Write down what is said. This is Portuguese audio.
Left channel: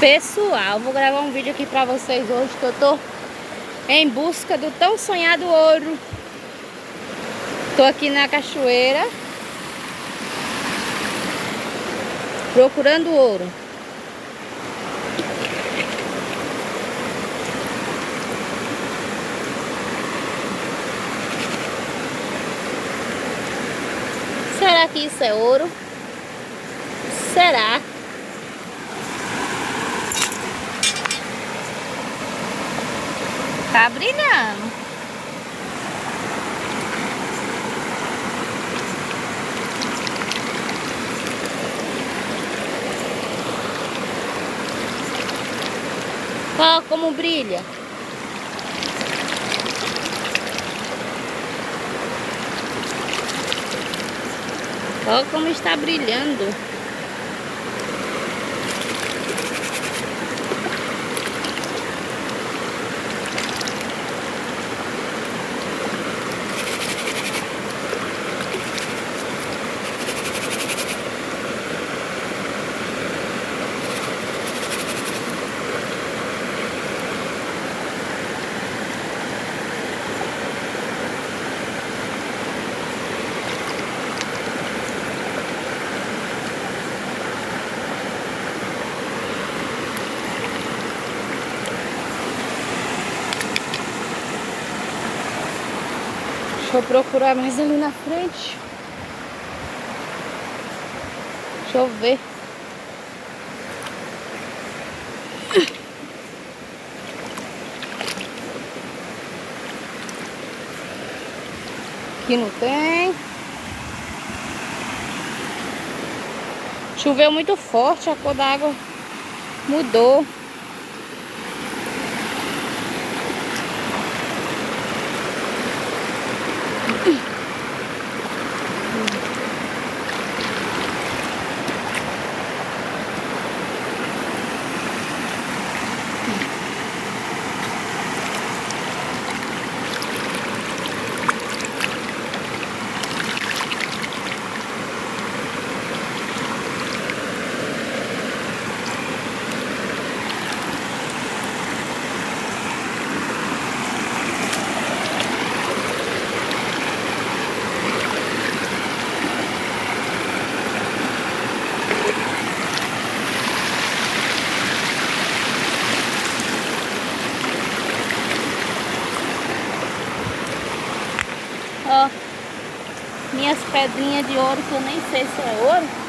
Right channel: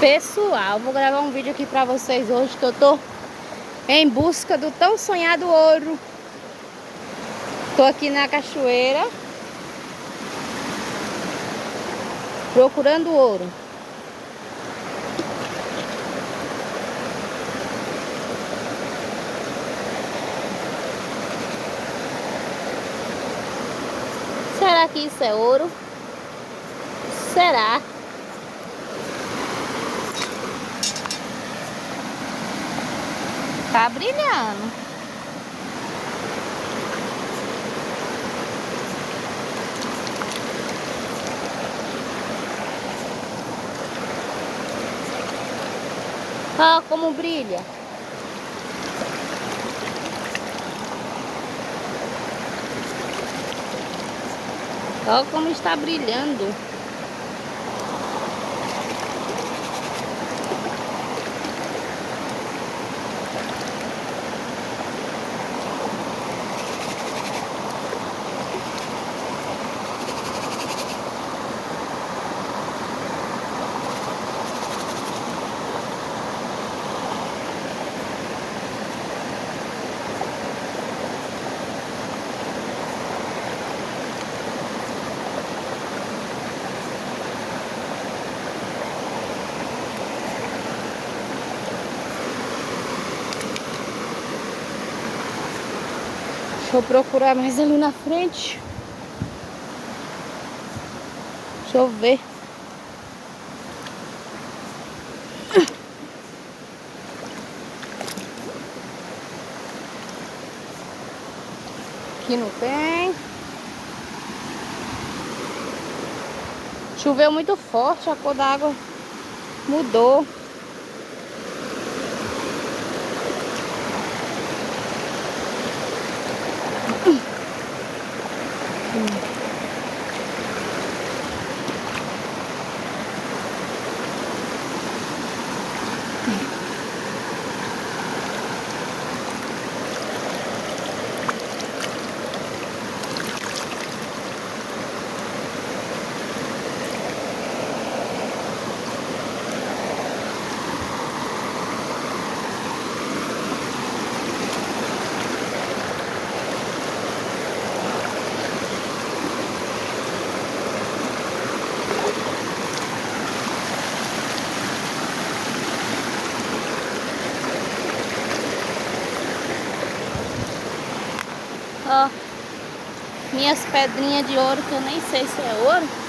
Pessoal, vou gravar um vídeo aqui pra vocês hoje que eu tô em busca do tão sonhado ouro. Tô aqui na cachoeira procurando ouro. Será que isso é ouro? Será? Tá brilhando. Ó como brilha. Ó como está brilhando. Deixa eu procurar mais ali na frente. Deixa eu ver. Aqui não tem. Choveu muito forte, a cor da água mudou. Ó, minhas pedrinhas de ouro que eu nem sei se é ouro.